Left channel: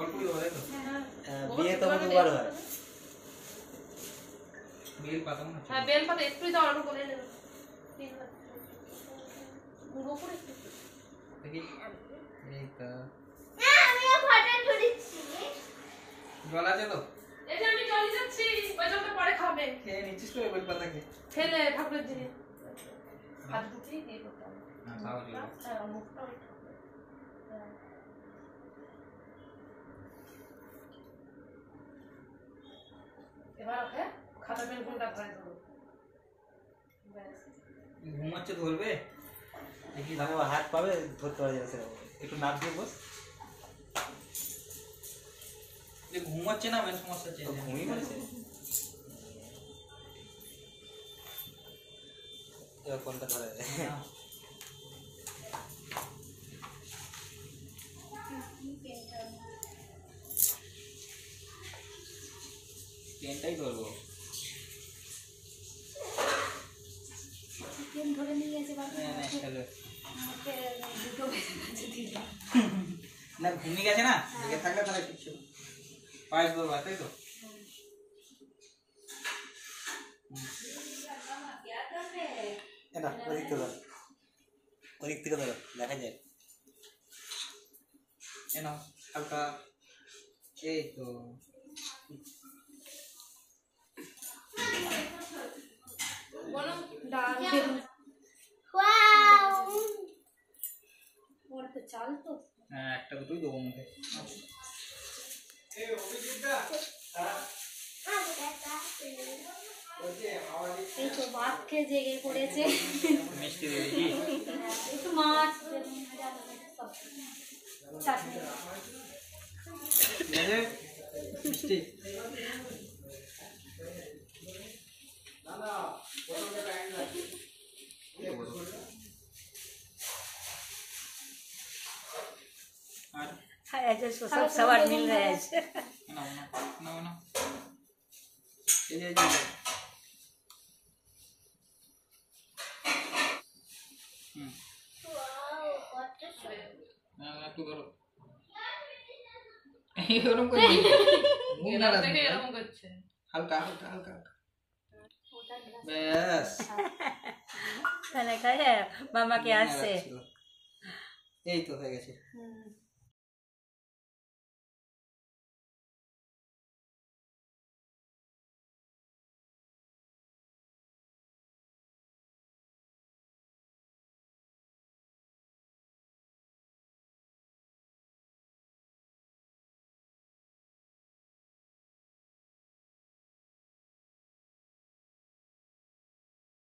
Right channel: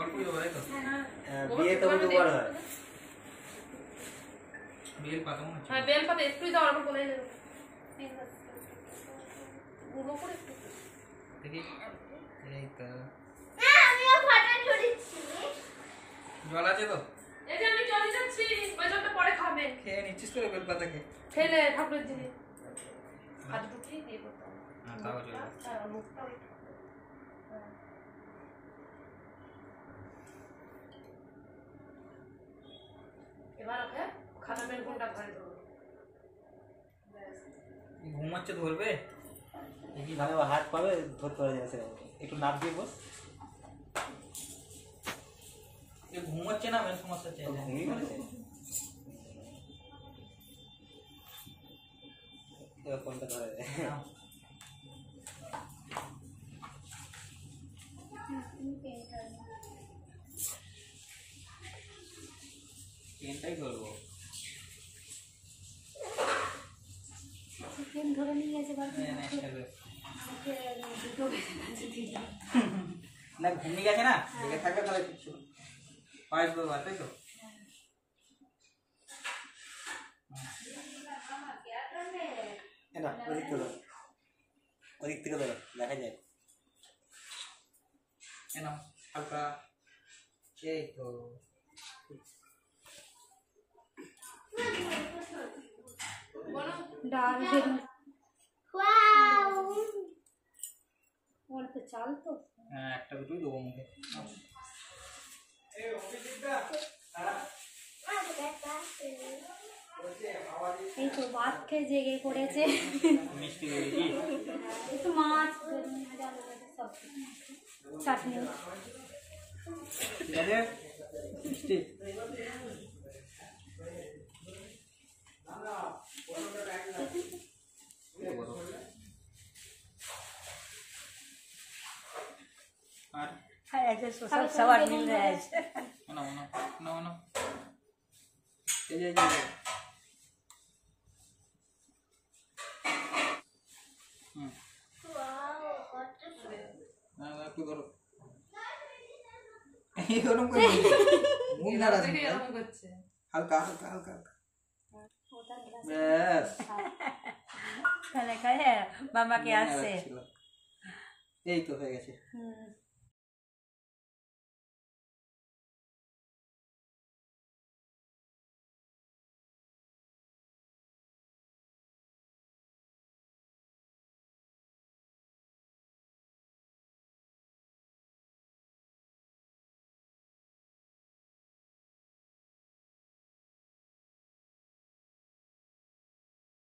অল্পই হবে তো বিয়ে তো দুবার হয় বেল পাতা মনে হচ্ছে হ্যাঁ বেল পাতা একটুই দাও অল্প করে দেবো গুঁড়ো করে একটু দেখি এই তো না আমিও ফটো তুলছি জল আছে তো এই যে আমি চলে যাচ্ছি ওই জলটা পরে খাবে খেয়ে নিচ্ছিস করে বেল পাতা খেয়ে খেলে ঠাকুরের জিনিস হাত দুটি দিয়ে করতে হবে হ্যাঁ তাও চলবে হ্যাঁ মুখটাও একটু হ্যাঁ এবার ওকে খাতা পেন কোনটা ধরে ধরো ব্যাস ঘুমাচ্ছে ধরবে দেখি না হাত পাবে ধরতে পারে না সেরকম একটু নাপ দিয়ে বস ঘুমাচ্ছে না মেন সমস্যা হচ্ছে ঘুমিয়ে গেছে এবার কোনটা ধরে পেনটাই ধরবো চিকেন ধরে নিয়ে গেছে বাবা দুটো না ঘুমিয়ে গেছে না জেগে থাকলে তাহলে ঠিক ছিল পায়েস বলবা তাই তো না ওদিক থেকে ধরো ওদিক থেকে ধরো দেখা যায় এনাও হালকা এই তো ডাল ওয়াও ওর তো চাল তো হ্যাঁ একটা দুটোই দেবো মুখে এই তো মাছকে জেগে পড়েছে মিষ্টি দিয়ে দিই একটু মাছ সব চাটনি ঠিক আছে মিষ্টি আর सब सवार मिल रहे हैं না না না না এই যে ওয়াও কত না একটু ধরো এরকম করে মুখ না রাখবে এরকম করছে হালকা হালকা হালকা ব্যাস खाने का है मामा के हाथ से এই তো হয়ে গেছে